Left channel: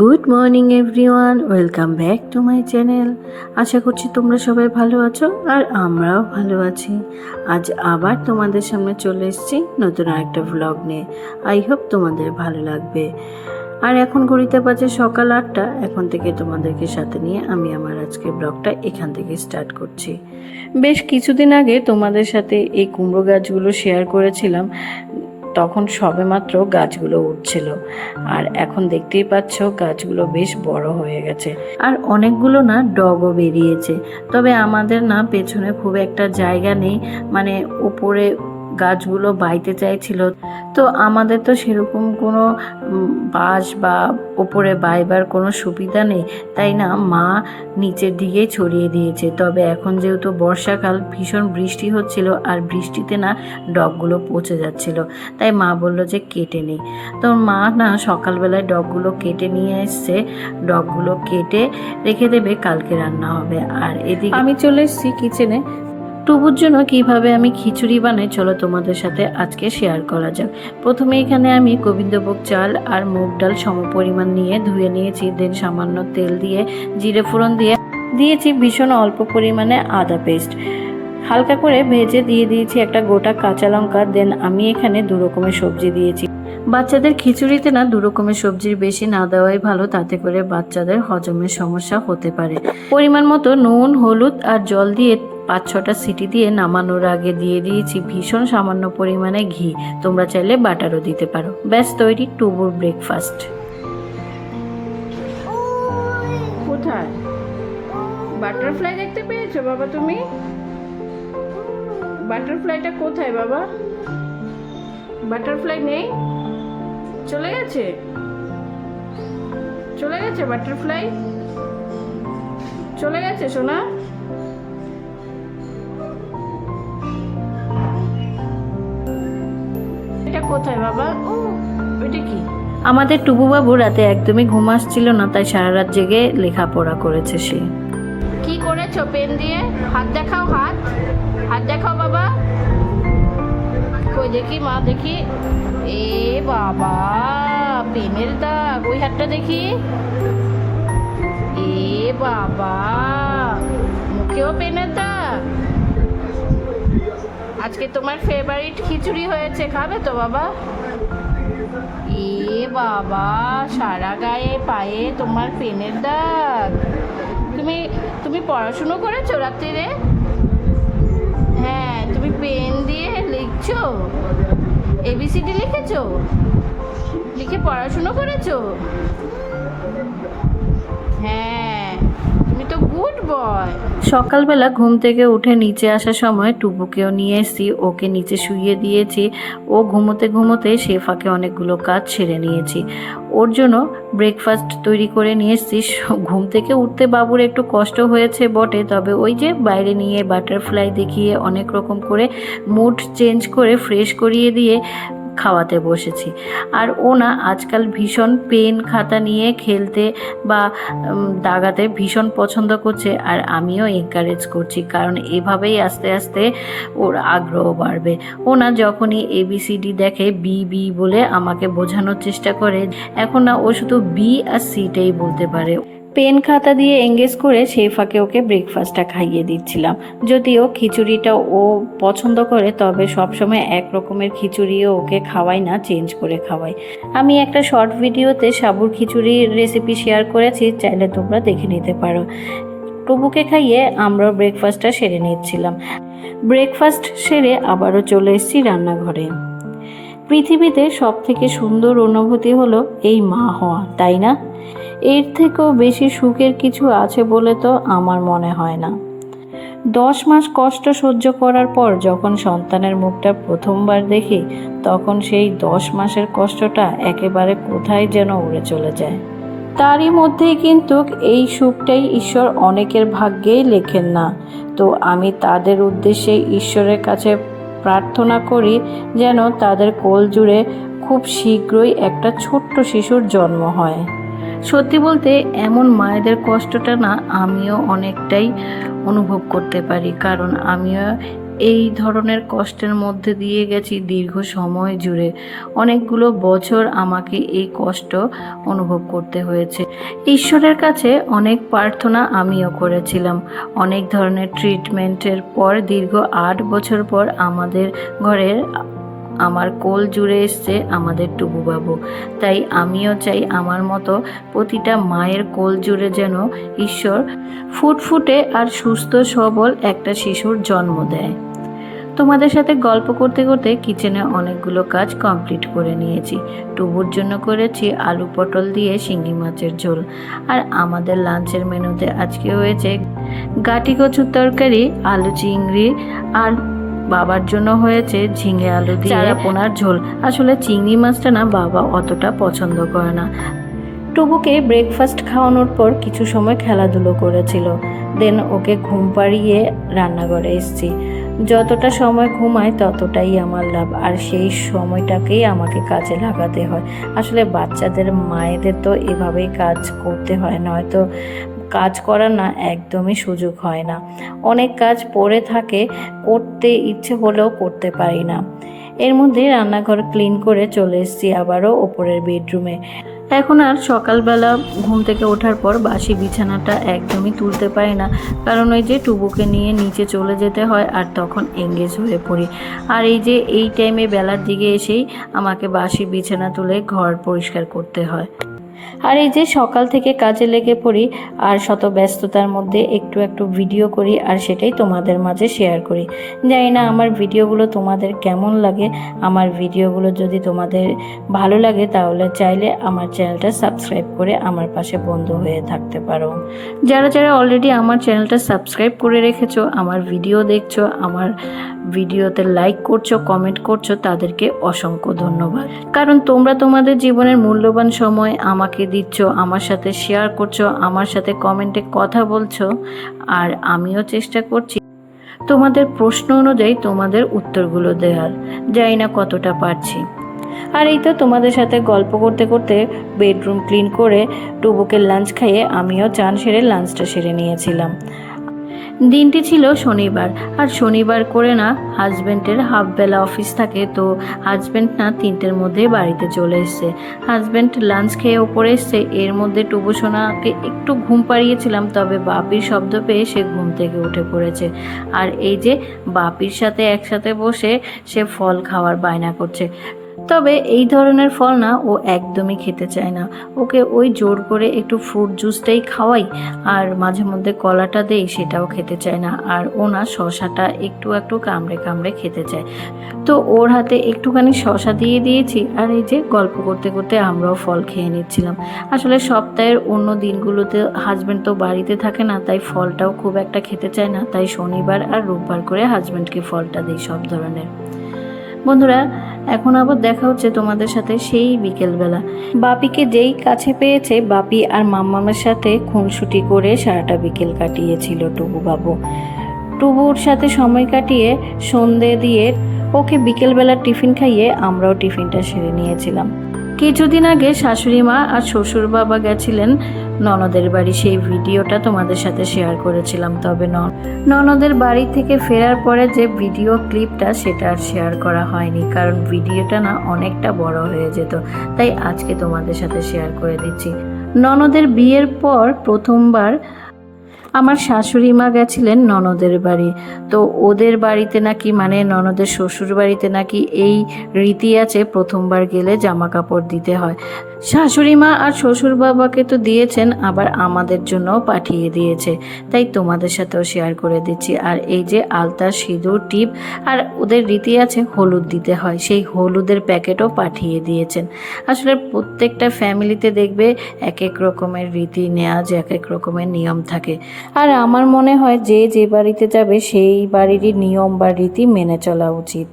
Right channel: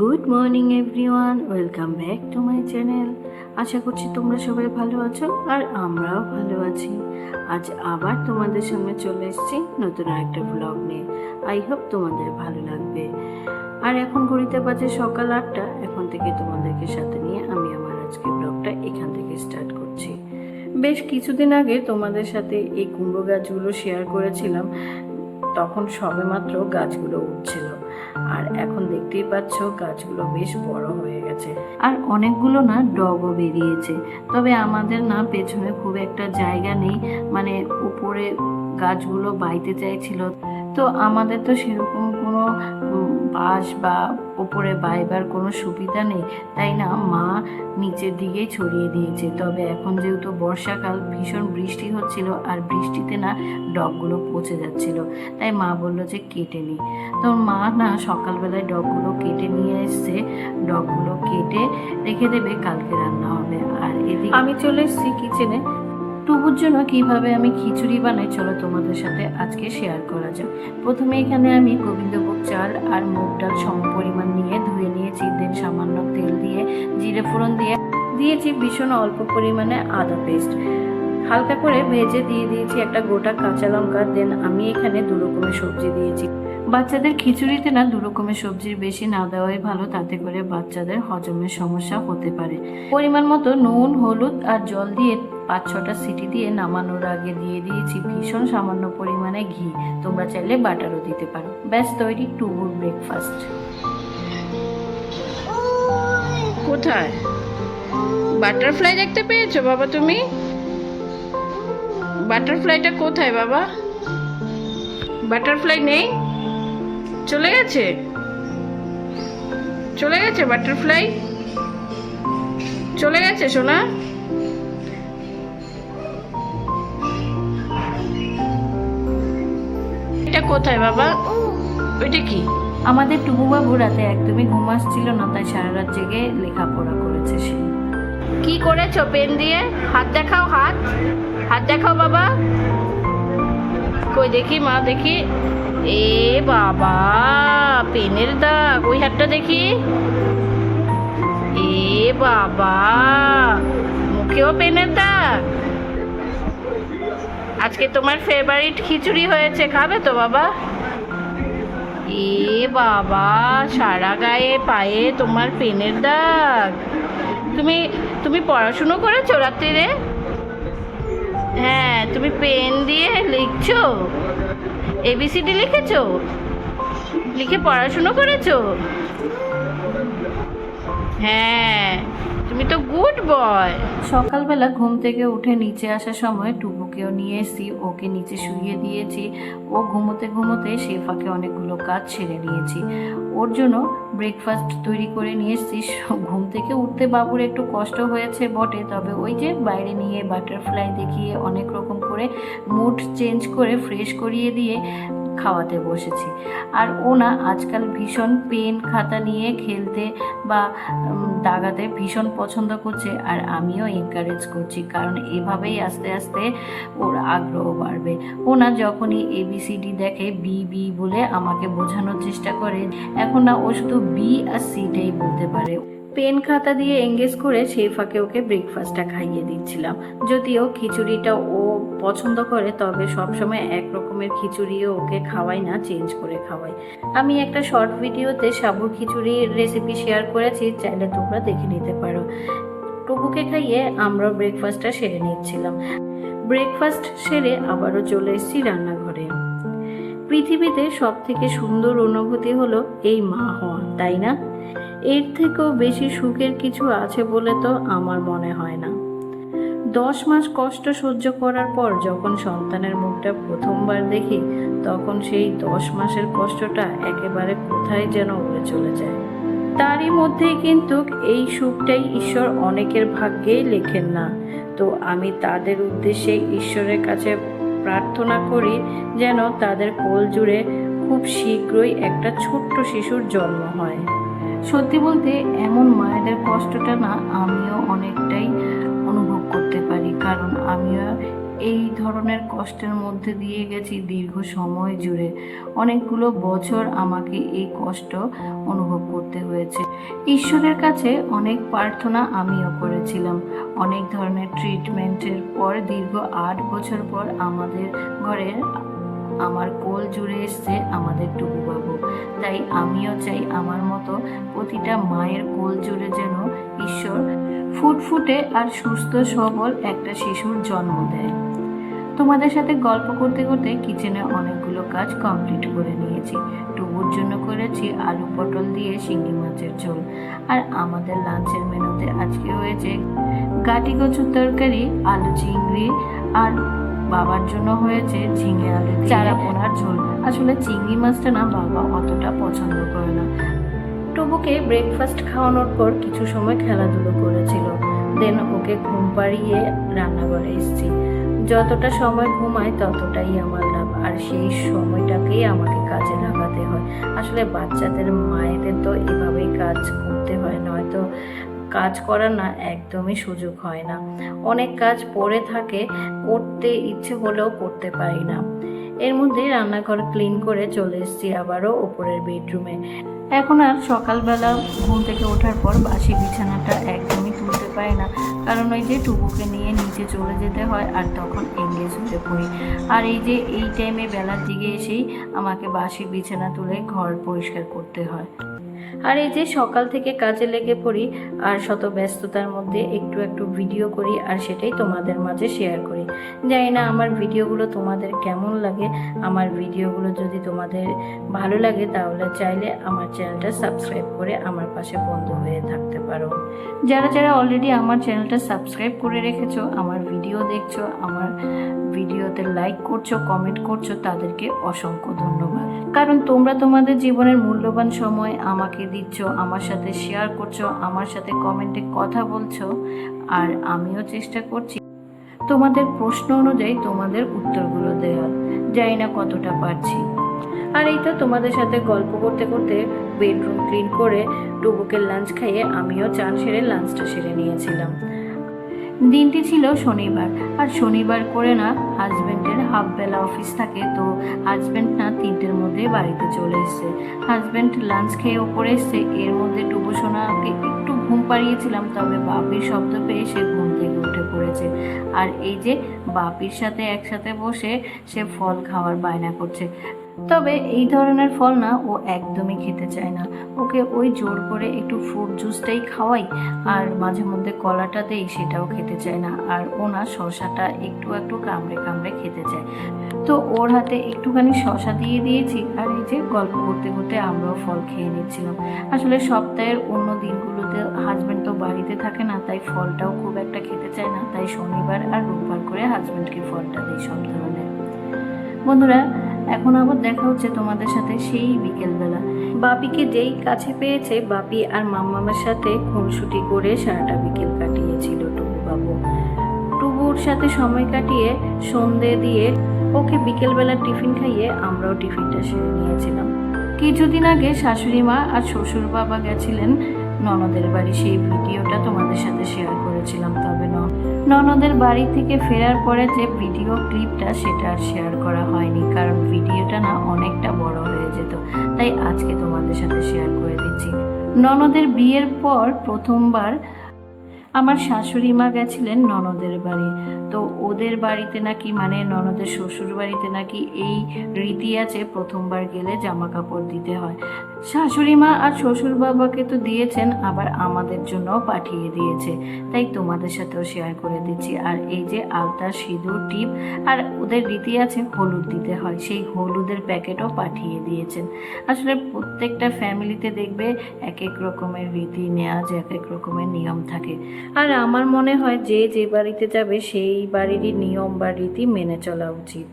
Good morning everyone, welcome back to my channel. আশা করছি তোমরা সবাই ভালো আছো আর আমরাও ভালো আছি। আজ আবার তোমাদের সামনে চলে এসেছি নতুন আরেকটা ভ্লগ নিয়ে। আই হোপ তোমাদের ভালো লাগবে। আর এখন ঘড়িতে বাজে সকাল 8টা। এখন থেকে তোমাদেরকে সাথে নিয়ে আমি আমার আজকে ব্লগটা এখান থেকে স্টার্ট করছি। বেশ কিছুদিন আগে তোমাদের সাথে এই কুমড়ো গাছগুলো শেয়ার করেছিলাম, তখন সবেমাত্র গাছগুলো উঠছিল। আর এখন দেখতেই পাচ্ছ গাছগুলো বেশ বড় হয়ে গেছে আর অনেকগুলো না ডগও বেরিয়েছে। তবে আমাদের না পেছনে খুব একটা জায়গা নেই, মানে উপরে গাছগুলো বাইতে চাইছিল, তো আমাদের তো সেরকম কোনো বাঁশ বা ওপরে বাইবার কোনো সুবিধা নেই, তাই না মা নিচের দিকেই ছড়িয়ে দিয়েছে। তবে এখন যেহেতু বর্ষাকাল, ভীষণ বৃষ্টি হচ্ছিল আর বৃষ্টিতে না ডগগুলো পচে যাচ্ছিল, তাই মা বললো যে কেটে নিই। তো মা না সকালবেলায় ডগগুলো কেটে নিয়ে এসছে, ডগগুলো কেটে রেখে দেবে, কালকে রান্না হবে। আর এদিকে আমি চলে এসেছি কিচেনে। টুবুর জন্য কিভাবে আমি খিচুড়ি বানাই চলো তোমাদের সাথে আজকে শেয়ার করা যাক। প্রথমে এখানে আমি গোবিন্দভোগ চাল আর মুগ ডাল সমপরিমাণ নিয়ে ধুয়ে নিয়েছি। দেন সামান্য তেল দিয়ে জিরে ফোড়ন দিয়ে দিয়েছি ভীষণ অল্প পরিমাণে আদা পেস্ট, হালকা করে ভেজে দিয়ে দিয়েছি একটা গোটা কাঁচা লঙ্কা। দেন আমি এখানে 2 রকমের সবজি দিয়েছি। বাচ্চাদের খিচুড়িতে না 2 রকমের সবজির বেশি না দেওয়াই ভালো, তাতে করে বাচ্চাদের হজমের সমস্যা হতে পারে। পরিমাণ মতো নুন, হলুদ আর জল দিয়ে 5-6টা সিটি দিয়ে নামানোর আগে দিয়ে দিয়েছি ভীষণ সামান্য পরিমাণে ঘি। তোমরা চাইলে বাটারও দিতে পারো। ব্যাস তৈরি টুবুর ব্রেকফাস্ট। কোথায় বাটারফ্লাই দেখতে পেয়েছো বাবা? তুমি বাটারফ্লাইটা কোথায় বাবা? বাটারফ্লাই নেই, চলে গেছে, চলে গেছে বাটারফ্লাই, চলে গেছে সোনা। এটা কোথায় বাবা? ওইটা কি? আমাদের টুবু বাবু রাতে একদমই ঘুম আসছিল না, তাই সারা রাত জেগে লেখাপড়া করেছে সে। কি করেছো পেন দিয়ে? হাত দেখাও, হাত হাত দেখাও বাবা। কই দেখি মা, দেখি। এ বাবা, পেনের দাগ, ওই হাতটা দেখি। এ বাবা, মুখেও পেনের দাগ। আজকে তোমার ফেভারিট খিচুড়ি হয়েছে, খাবে তো বাবা? এ বাবা, সারা গায়ে পায়ে তোমার পেনের দাগ। তুমি পড়াশুনো করেছো রাত্রিরে? হ্যাঁ, তুমি পেন দিয়ে লিখছো, ABCD লিখেছো, লিখে পড়াশুনো করেছো? হ্যাঁ, তুমি তো গুড বয়। সকালবেলা ঘুম থেকে উঠে নিচে আসার সময় টুবুকেও নিয়ে এসেছি, ওকে নিচে শুইয়ে দিয়েছি। ও ঘুমোতে ঘুমোতে সে ফাঁকে অনেকগুলো কাজ সেরে নিয়েছি। ওর জন্য ব্রেকফাস্ট তৈরি করে নিয়ে এসেছি। ঘুম থেকে উঠতে বাবুর একটু কষ্ট হয়েছে বটে, তবে ওই যে বাইরে নিয়ে বাটারফ্লাই দেখিয়ে অনেক রকম করে মুড চেঞ্জ করে ফ্রেশ করিয়ে দিয়ে খাওয়াতে বসেছি। আর ও না আজকাল ভীষণ পেন খাতা নিয়ে খেলতে বা দাগাতে ভীষণ পছন্দ করছে, আর আমিও এনকারেজ করছি, কারণ এভাবেই আস্তে আস্তে ওর আগ্রহ বাড়বে। ও না যখনই ABCD দেখে বি বি বলে আমাকে বোঝানোর চেষ্টা করে। এখন না ও শুধু বি আর সিটাই বলতে পারে। পেন খাতা দিয়ে এঙ্গেজ করে সেই ফাঁকে ওকে ব্রেকফাস্টটা খাইয়ে দিচ্ছিলাম। যদিও খিচুড়িটা ও পছন্দ করে, তবে সবসময় এক রকমের খিচুড়িও ওকে খাওয়াই না, চেঞ্জ করে খাওয়াই। আমি একটা শর্ট ভিডিওতে সাবুর খিচুড়ির রেসিপি শেয়ার করেছি, চাইলে তোমরা দেখে নিতে পারো। টুবুকে খাইয়ে আমরাও ব্রেকফাস্টটা সেরে নিচ্ছিলাম। ব্রেকফাস্ট সেরে আবারও চলে এসেছি রান্নাঘরে। পৃথিবীতে সব থেকে সুন্দর অনুভূতি হলো এই মা হওয়া, তাই না? এর থেকেও বেশি সুখের কিছু আছে বলে তো আমার মনে হয় না। 10 মাস কষ্ট সহ্য করার পর যখন সন্তানের মুখটা প্রথমবার দেখি, তখন সেই 10 মাসের কষ্টটা একেবারে কোথায় যেন উড়ে চলে যায়। তারই মধ্যেই কিন্তু এই সুখটাই ঈশ্বর অনেকের ভাগ্যেই লেখেন না। তো আমি তাদের উদ্দেশ্যে ঈশ্বরের কাছে প্রার্থনা করি যেন তাদের কোল জুড়ে খুব শীঘ্রই একটা ছোট্ট শিশুর জন্ম হয়। সত্যি বলতে এমন মায়েদের কষ্টটা না আমিও অনেকটাই অনুভব করতে পারি, কারণ আমিও এই ধরনের কষ্টের মধ্যে দিয়ে গেছি দীর্ঘ সময় জুড়ে। অনেকগুলো বছর আমাকে এই কষ্ট অনুভব করতে হয়েছে। ঈশ্বরের কাছে অনেক প্রার্থনা আমিও করেছিলাম। অনেক ধরনের ট্রিটমেন্টের পর দীর্ঘ 8 বছর পর আমাদের ঘরের আমার কোল জুড়ে এসছে আমাদের টুবু বাবু। তাই আমিও চাই আমার মতো প্রতিটা মায়ের কোল জুড়ে যেন ঈশ্বর ফুটফুটে আর সুস্থ সবল একটা শিশুর জন্ম দেয়। তোমাদের সাথে গল্প করতে করতে কিচেনে অনেকগুলো কাজ কমপ্লিট করে নিয়েছি। টুবুর জন্য করেছি আলু পটল দিয়ে শিঙি মাছের ঝোল। আর আমাদের লাঞ্চের মেনুতে আজকে হয়েছে গাটি কচুর তরকারি, আলু চিংড়ি, আর বাবার জন্য হয়েছে ঝিঙে আলু দিয়ে চারাপোনার ঝোল। আসলে চিংড়ি মাছটা না বাবা অতটা পছন্দ করে না। টুবুকে ব্রেকফাস্ট খাওয়ানোর পর কিছু সময় খেলাধুলো করেছিল। দেন ওকে ঘুম পাড়িয়ে রান্নাঘরে এসেছি। যতটা সময় ঘুমায় ততটাই আমার লাভ, আর সেই সময়টাকেই আমাকে কাজে লাগাতে হয়। আসলে বাচ্চাদের মায়েদের তো এভাবেই কাজ করতে হয়, নয়তো কাজ করার না একদমই সুযোগ হয় না। অনেক কাজ পড়ে থাকে, করতে ইচ্ছে হলেও করতে পারি না। এর মধ্যে রান্নাঘর ক্লিন করে চলে এসেছি আবারও ওপরের বেডরুমে। এখন আর সকালবেলা ঘুম থেকে ওঠার পর বাসি বিছানাটা একদমই তুলতে পারি না, কারণ ওই যে টুবুকে নিয়ে নিচে চলে যেতে হয় আর তখন এঙ্গেজ হয়ে পড়ি। আর এই টাইমে বেলার দিকে এসেই আমাকে বাসি বিছানা তুলে ঘর পরিষ্কার করতে হয়। আর এই যে সকাল থেকে কাজে লেগে পড়ি, আর শত ব্যস্ততার মধ্যে একটু একটু ভিডিও করি, আর সেটাই তোমাদের মাঝে শেয়ার করি। জানি না আমার ভিডিওগুলো তোমাদের কেমন লাগে। আমার ভিডিওগুলো যদি তোমাদের ভালো লাগে তাহলে চাইলে আমার চ্যানেলটা সাবস্ক্রাইব করে আমার পাশে বন্ধু হয়ে থাকতে পারো। যারা যারা অলরেডি আমার চ্যানেলটা সাবস্ক্রাইব করে রেখেছো, আমার ভিডিও দেখছো, আমার ভিডিওতে লাইক করছো, কমেন্ট করছো, তাদেরকে অসংখ্য ধন্যবাদ। কারণ তোমরা তোমাদের জীবনের মূল্যবান সময় আমাকে দিচ্ছ, আমার সাথে শেয়ার করছো, আমার সাথে কমেন্টে কথা বলছো, আর আমিও চেষ্টা করছি তোমাদের প্রশ্ন অনুযায়ী তোমাদের উত্তরগুলো দেওয়ার। জানি না কতটা পারছি। আর এই তো তোমাদের সাথে গল্প করতে করতে বেডরুম ক্লিন করে টুবুকে লাঞ্চ খাইয়ে আমিও চান সেরে লাঞ্চটা সেরে নিয়েছিলাম। দিনটি ছিল শনিবার, আর শনিবার করে না হাজব্যান্ডের হাফবেলা অফিস থাকে, তো হাজব্যান্ড না 3টের মধ্যে বাড়িতে চলে এসছে। হাজব্যান্ড লাঞ্চ খেয়ে ওপরে এসছে। এর মধ্যে টুবু সোনাকে একটু ঘুম পাড়িয়েছিলাম, তবে বাপির শব্দ পেয়ে সে ঘুম থেকে উঠে পড়েছে। আর এই যে বাপির সাথে একসাথে বসে সে ফল খাওয়ার বায়না করছে। তবে এই ধরনের ফল না ও একদমই খেতে চায় না। ওকে ওই জোর করে একটু ফ্রুট জুসটাই খাওয়াই, আর মাঝে মধ্যে কলাটা দেই, সেটাও খেতে চায় না। আর ও না শশাটা একটু একটু কামড়ে কামড়ে খেতে চায়। তো ওর হাতে একটুখানি শশা দিয়ে দিয়েছি, আর এই যে গল্প করতে করতে আমরাও ফল খেয়ে নিচ্ছিলাম। আসলে সপ্তাহের অন্য দিনগুলোতে হাজব্যান্ড তো বাড়িতে থাকে না, তাই ফলটাও খুব একটা খেতে চায় না। তাই শনিবার আর রোববার করে হাজব্যান্ডকে ফলটা দিই সব ধরনের। বন্ধুরা, এখন আবার দেখা হচ্ছে তোমাদের সাথে সেই বিকেলবেলা। বাপিকে যেই কাছে পেয়েছে, বাপি আর মাম্মামের সাথে খুনসুটি করে সারাটা বিকেল কাটিয়েছিল টুবু বাবু। টুবুর সাথে সময় কাটিয়ে সন্ধে দিয়ে ওকে বিকেলবেলা টিফিন খাইয়ে আমরাও টিফিনটা সেরে নিয়েছিলাম। কিছুদিন আগে শাশুড়ি মা আর শ্বশুর বাবা গেছিলেন ননদের বাড়ি, সেই ভিডিওটা তোমাদের সাথে শেয়ার করেছিলাম। তবে ননদের বাড়ি থেকে ফেরার পরে যে ভিডিও ক্লিপটা, সেটা আর শেয়ার করা হয়নি, কারণ ভিডিওটা না অনেকটা বড় হয়ে যেত। তাই আজকে তোমাদের সাথে শেয়ার করে দিচ্ছি। ননদের বিয়ের পর প্রথমবার আমার শাশুড়ি মা গেছিলেন ননদের বাড়ি। তো ওদের বাড়িতে নাকি, মানে ননদের শ্বশুর বাড়িতে নাকি এই রীতি আছে, প্রথমবার গেলে জামা কাপড় দিতে হয়। শাশুড়ি মা আর শ্বশুর বাবাকে তো দিয়েছেন, আবার আমাদের জন্যও পাঠিয়ে দিয়েছে, তাই তোমাদের সাথেও শেয়ার করে দিচ্ছি। আর এই যে আলতা, সিঁদুর, টিপ, আর ওদের রীতি আছে হলুদ দিতে হয়, সেই হলুদের প্যাকেটও পাঠিয়ে দিয়েছেন। আসলে প্রত্যেকটা ফ্যামিলিতে দেখবে এক এক রকমের রীতি নেওয়াজ, এক এক রকমের নিয়ম থাকে। আর আমার মনে হয় যে যে বাড়িতে যাবে সেই বাড়িরই নিয়ম বা রীতি মেনে চলা উচিত।